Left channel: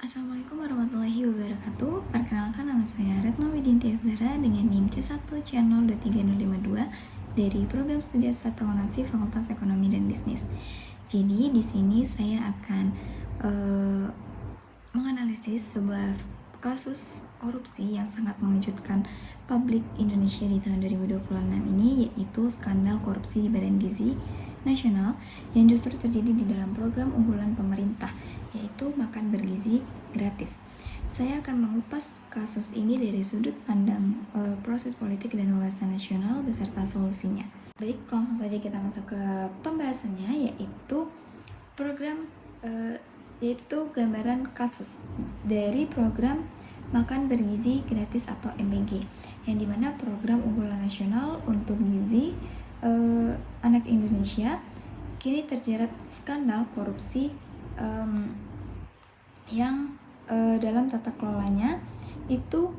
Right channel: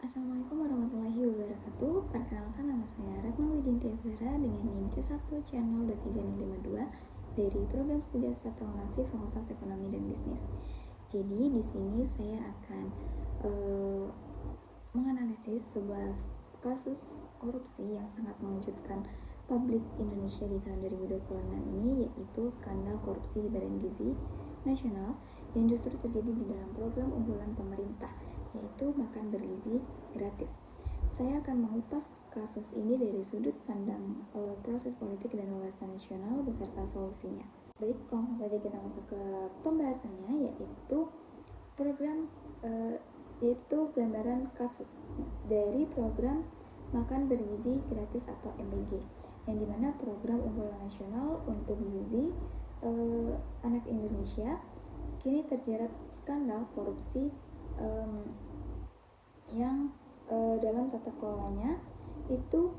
Assalamualaikum warahmatullahi wabarakatuh. Perkenalkan, nama saya Retno Widinti Azhara dengan NIM C1C02352 dari Program Studi S1 Akuntansi Fakultas Ekonomi dan Bisnis. Jadi di sini saya akan menganalisis sebuah kasus korupsi yang sangat mengejutkan publik Indonesia di tahun 2026 ini, yaitu skandal korupsi di Badan Gizi Nasional yang justru terjadi di dalam program unggulan pemerintah, yaitu makan bergizi gratis. Saya akan mengupas kasus ini dari sudut pandang proses politik dan wawasan nasional beserta solusinya. Baik, langsung saja kita masuk ke pembahasannya, yaitu program yaitu gambaran kasus dari program makan bergizi gratis atau MBG, yang dimana program unggulan nasional untuk gizi anak Indonesia kini terjerat skandal korupsi yang dalam tata kelolanya itu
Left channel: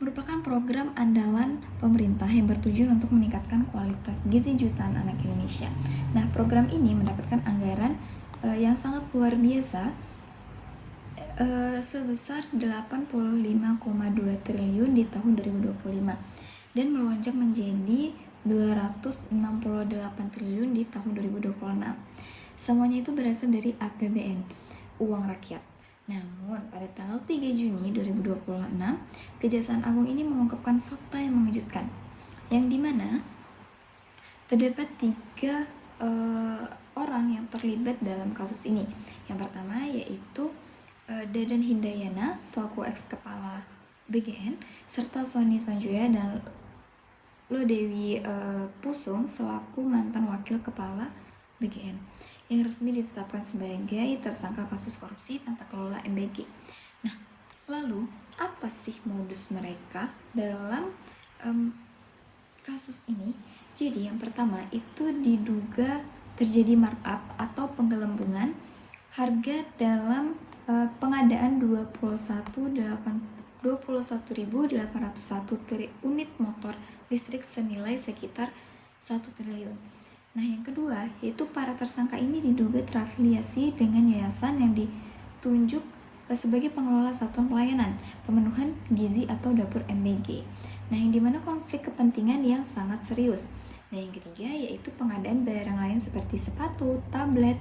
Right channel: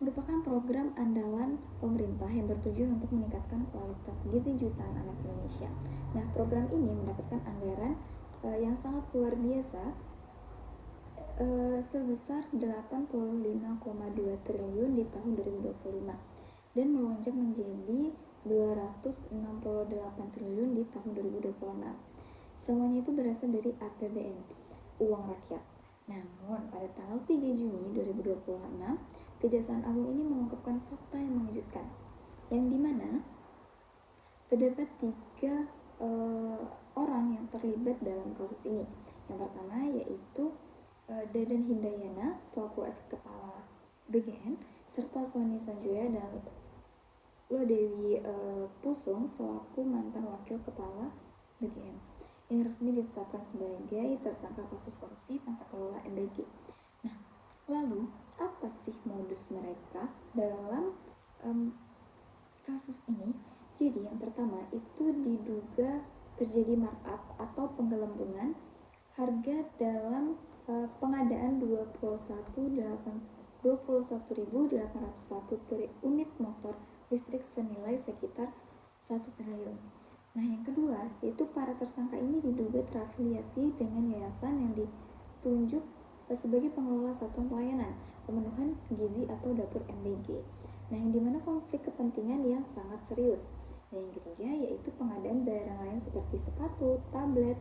merupakan program andalan pemerintah yang bertujuan untuk meningkatkan kualitas gizi jutaan anak Indonesia. Nah, program ini mendapatkan anggaran yang sangat luar biasa sebesar 85,2 triliun di tahun 2025 dan melonjak menjadi 268 triliun di tahun 2026. Semuanya itu berasal dari APBN, uang rakyat. Namun, pada tanggal 3 Juni 2026, Kejaksaan Agung ini mengungkapkan fakta yang mengejutkan, yang dimana terdapat 3 orang yang terlibat dalam kasus ini. Yang pertama yaitu Dadan Hindayana selaku ex-kepala BGN, serta Sony Sonjoya dan Lodewi Pusung selaku mantan wakil kepala BGN yang resmi ditetapkan sebagai tersangka kasus korupsi tata kelola MBG. Nah, lalu apa sih modus mereka dalam kasus ini? Jadi yang pertama itu diduga terjadi markup atau penggelembungan harga dalam pengadaan 21.801 unit motor listrik senilai sekitar 1 triliun. Nah, yang kedua yaitu para tersangka ini diduga terafiliasi dengan yayasan yang ditunjuk sebagai pengelola satuan pelayanan pemenuhan gizi atau dapur MBG. Nah, yang dimana konflik kepentingan yang sangat serius. Dan yang ketiga yaitu pengadaan barang lain seperti sepatu, tablet,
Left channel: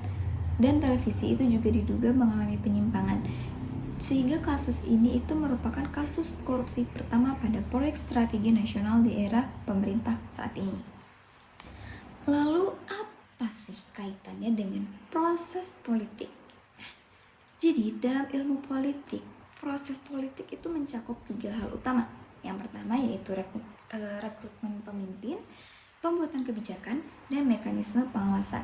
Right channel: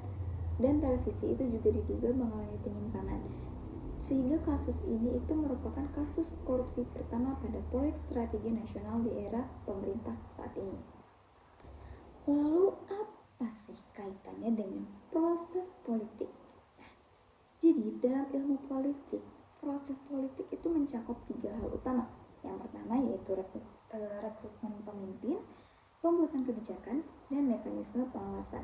dan televisi itu juga diduga mengalami penyimpangan. Sehingga kasus ini itu merupakan kasus korupsi pertama pada proyek strategi nasional di era pemerintah saat ini. Lalu apa sih kaitannya dengan proses politik? Jadi dalam ilmu politik, proses politik itu mencakup 3 hal utama. Yang pertama yaitu rekrutmen pemimpin, pembuatan kebijakan, dan mekanisme pengawasan.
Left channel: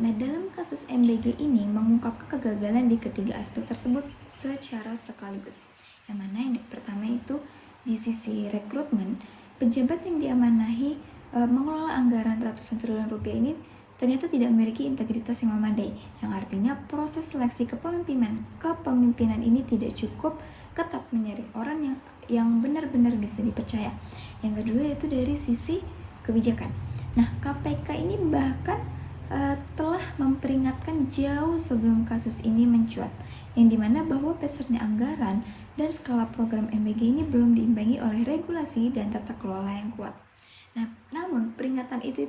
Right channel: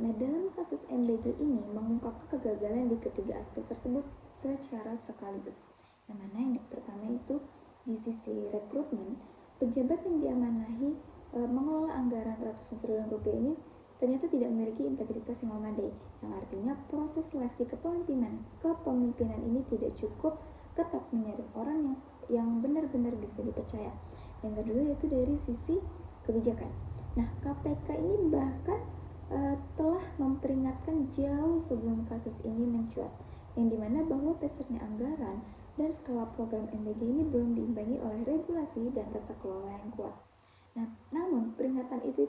Nah, dalam kasus MBG ini mengungkapkan kegagalan di ketiga aspek tersebut secara sekaligus. Yang mana yang pertama itu di sisi rekrutmen, pejabat yang diamanahi mengelola anggaran ratusan triliun rupiah ini ternyata tidak memiliki integritas yang memadai, yang artinya proses seleksi kepemimpinan ini tidak cukup ketat menyaring orang yang benar-benar bisa dipercaya. Yang kedua yaitu dari sisi kebijakan. Nah, KPK ini bahkan telah memperingatkan jauh sebelum kasus ini mencuat, yang dimana bahwa besarnya anggaran dan skala program MBG ini belum diimbangi oleh regulasi dan tata kelola yang kuat. Nah, namun peringatan itu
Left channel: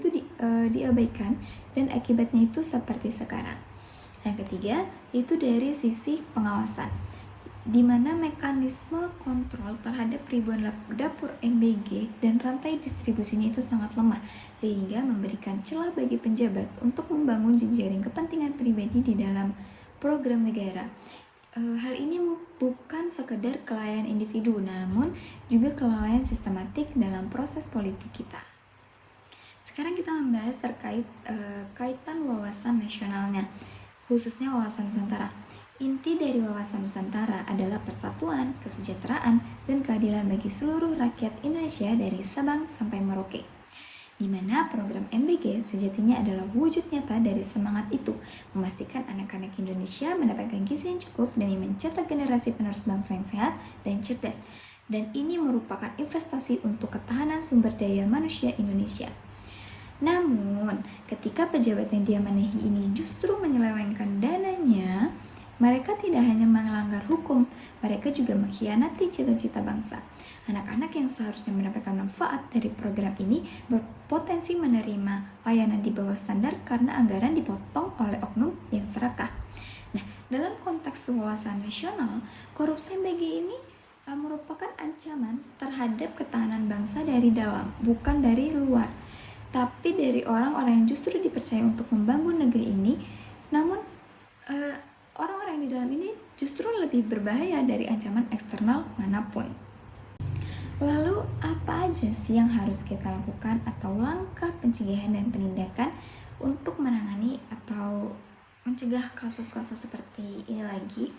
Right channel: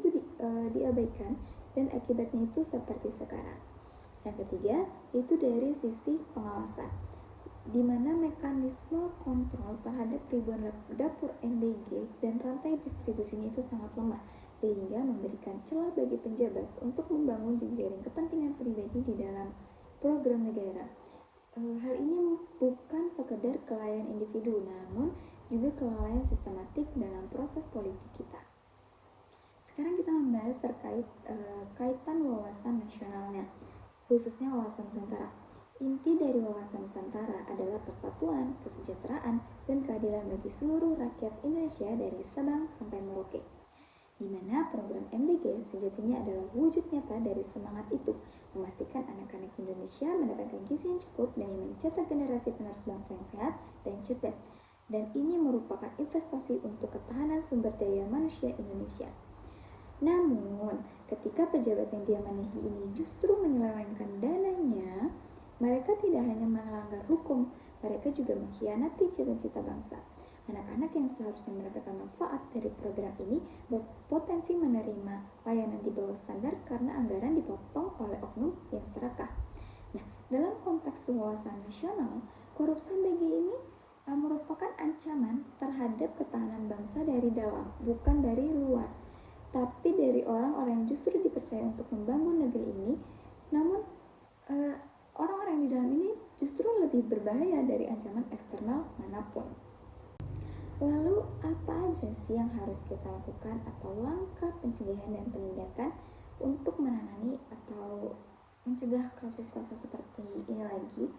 diabaikan dan akibatnya itu seperti sekarang. Yang ketiga itu dari sisi pengawasan, di mana mekanisme kontrol terhadap ribuan dapur MBG dan rantai distribusinya itu sangat lemah, sehingga memberikan celah bagi penjabat untuk membangun jejaring kepentingan pribadi di dalam program negara. Hal ini bukan sekedar kelalaian individu, namun juga kelalaian sistematik dalam proses politik kita. Sekarang kita membahas terkait kaitan wawasan nasionalnya, khususnya wawasan Nusantara. Inti dari wawasan Nusantara adalah persatuan, kesejahteraan, dan keadilan bagi seluruh rakyat Indonesia dari Sabang sampai Merauke, di mana program MBG sejatinya adalah wujud nyata dari semangat itu, memastikan anak-anak Indonesia mendapatkan gizi yang cukup demi mencetak generasi penerus bangsa yang sehat dan cerdas. Dan ini merupakan investasi untuk ketahanan sumber daya manusia Indonesia. Namun, ketika pejabat yang diamanahi ini justru menyelewengkan dananya, Mereka tidak hanya melanggar hukum, mereka juga mengkhianati cita-cita bangsa. Anak-anak yang seharusnya mendapatkan manfaat dari program ini berpotensi menerima layanan di bawah standar karena anggaran dipotong oleh oknum yang serakah. Nah, dalam konteks wawasan nasional, korupsi BG ini merupakan ancaman terhadap ketahanan bangsa dari dalam, bukan dari luar, tapi dari orang-orang yang justru dipercaya untuk membangun negeri ini. Namun orang-orang di dalam ini justru lebih berbahaya dari ancaman eksternal manapun. Lalu apa aja sih yang harus kita lakukan atau langkah pencegahan dan penindakan untuk menangani atau mencegah kasus-kasus seperti ini lagi?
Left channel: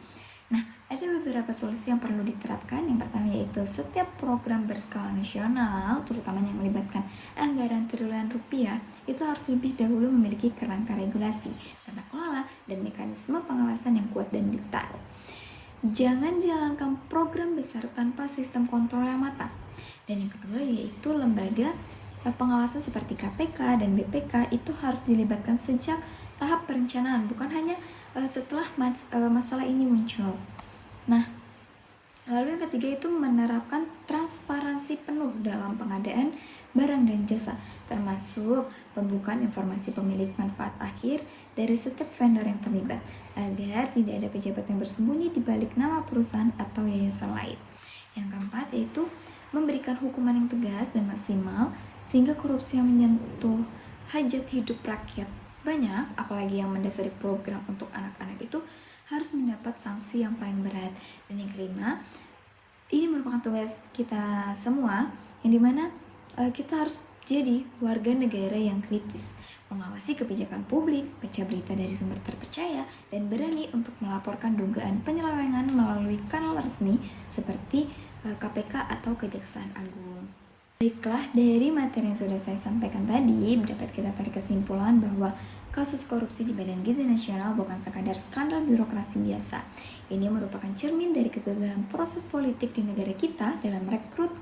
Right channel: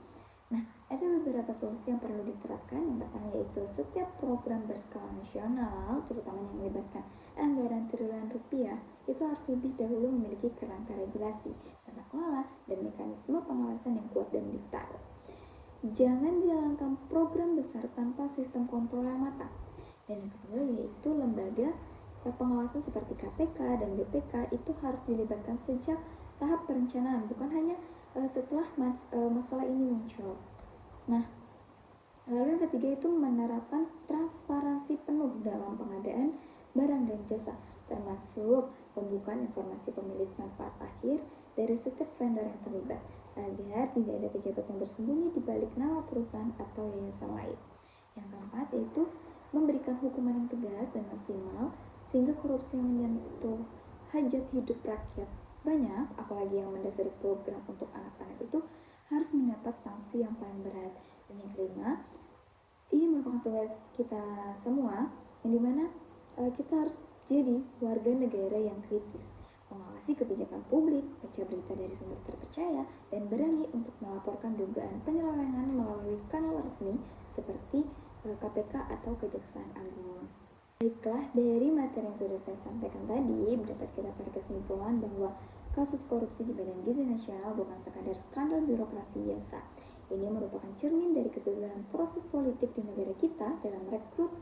Nah, ada beberapa solusi yang perlu diterapkan. Yang pertama yaitu setiap program berskala nasional, terutama yang melibatkan anggaran triliunan rupiah, itu harus lebih dahulu memiliki kerangka regulasi, tata kelola, dan mekanisme pengawasan yang kuat dan detail. Jangan jalankan program besar tanpa sistem kontrol yang matang. Dan yang kedua yaitu lembaga pengawasan seperti KPK dan BPK itu harus dilibatkan sejak tahap perencanaan, bukan hanya setelah masalah ini muncul. Nah, lalu yang ketiga itu menerapkan transparansi penuh dalam pengadaan barang dan jasa, termasuk pembukaan informasi pemilik manfaat akhir dari setiap vendor yang terlibat, agar tidak ada pejabat yang bersembunyi di balik nama perusahaan atau yayasan lain. Yang keempat yaitu memberikan hukuman yang tegas dan maksimal sehingga korupsi yang menyentuh hajat hidup rakyat banyak, apalagi yang mendasari program untuk anak-anak itu harus mendapat sanksi yang paling berat. Dan yang kelima, ini merupakan tugas kita semua, yang dimana kita harus jadi warga negara yang kritis, mengawasi kebijakan publik, baca berita dari sumber terpercaya, dan berani untuk melaporkan dugaan penyelewengan melalui kanal resmi seperti KPK atau Kejaksaan Agung. Baiklah, dari materi yang sudah saya sampaikan tadi, dapat kita tarik kesimpulan bahwa kasus korupsi di Badan Gizi Nasional bukan sekadar skandal birokrasi biasa. Ini merupakan cermin dari kegagalan proses politik di negara kita dalam merekrut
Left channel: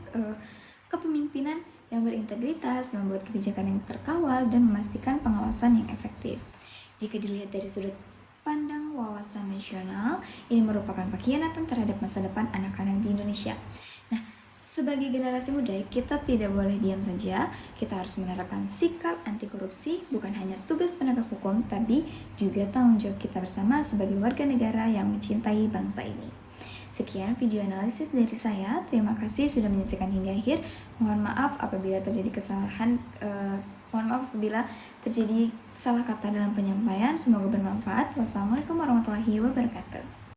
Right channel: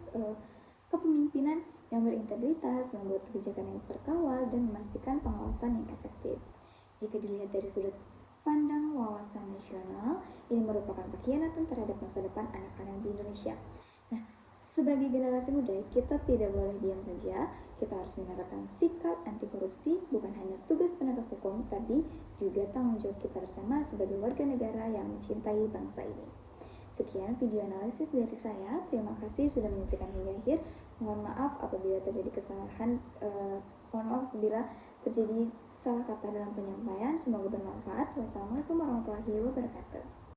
kepemimpinan yang berintegritas, membuat kebijakan yang terkawal, dan memastikan pengawasan yang efektif. Jika dilihat dari sudut pandang wawasan nasional, ini merupakan pengkhianatan terhadap masa depan anak-anak di Indonesia. Nah, sebagai generasi muda, kita tidak boleh diam saja. Kita harus menerapkan sikap anti korupsi, bukan hanya tugas penegak hukum, tapi juga tanggung jawab kita bersama sebagai warga negara yang mencintai bangsa ini. Sekian video analisis dari saya. Terima kasih sudah menyaksikan hingga akhir. Mohon maaf apabila terjadi kesalahan. Mohon maaf apabila terjadi salah kata dalam penyampaian. Semoga bermanfaat. Wassalamualaikum warahmatullahi wabarakatuh.